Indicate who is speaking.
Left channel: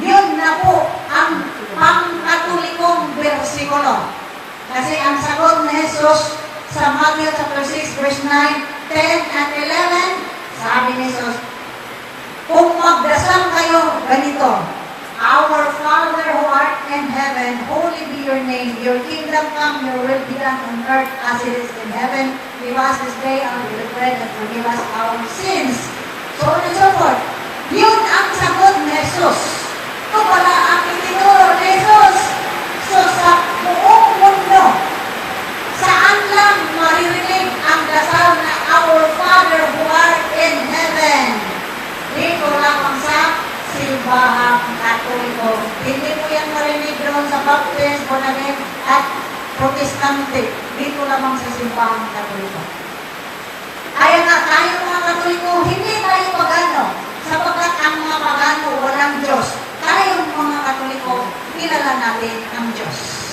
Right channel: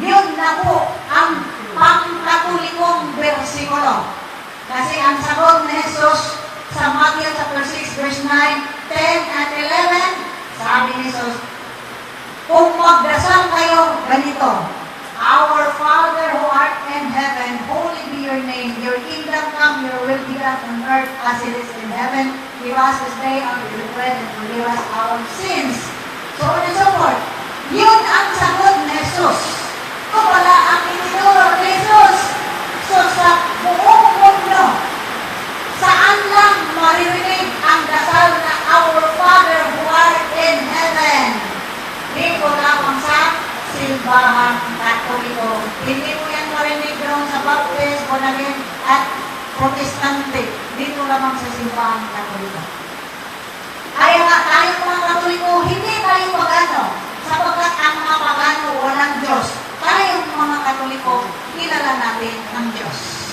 Speaker 1: Yun na po ang pangkatolikong versikulo. Kasi ang sagot ni Jesus sa Matthew chapter 6 verse 9, 10 at 11, sabi ni Jesus, kung magdasal kayo ganito, Our Father who art in heaven, holy be your name. Your kingdom come, your will be done on earth as it is in heaven. Give us this day our daily bread and forgive us our sins. So on and so forth. Yun ang sagot ni Jesus. Ito pala ang itinuro ni Jesus. So sa buong mundo, saan lang maririnig ang dasal na Our Father who art in heaven? Dito lamang sa simbahang katoliko. Hindi mo yan marinig doon sa Baptist, Bonanim, at Protestante. Dito lamang sa simbahang katoliko. Kaya nga tayo mga katoliko, hindi tayo pagano. Sapagkat ang mga pagano walang Diyos. Tayong mga katoliko, kilala natin ang Diyos.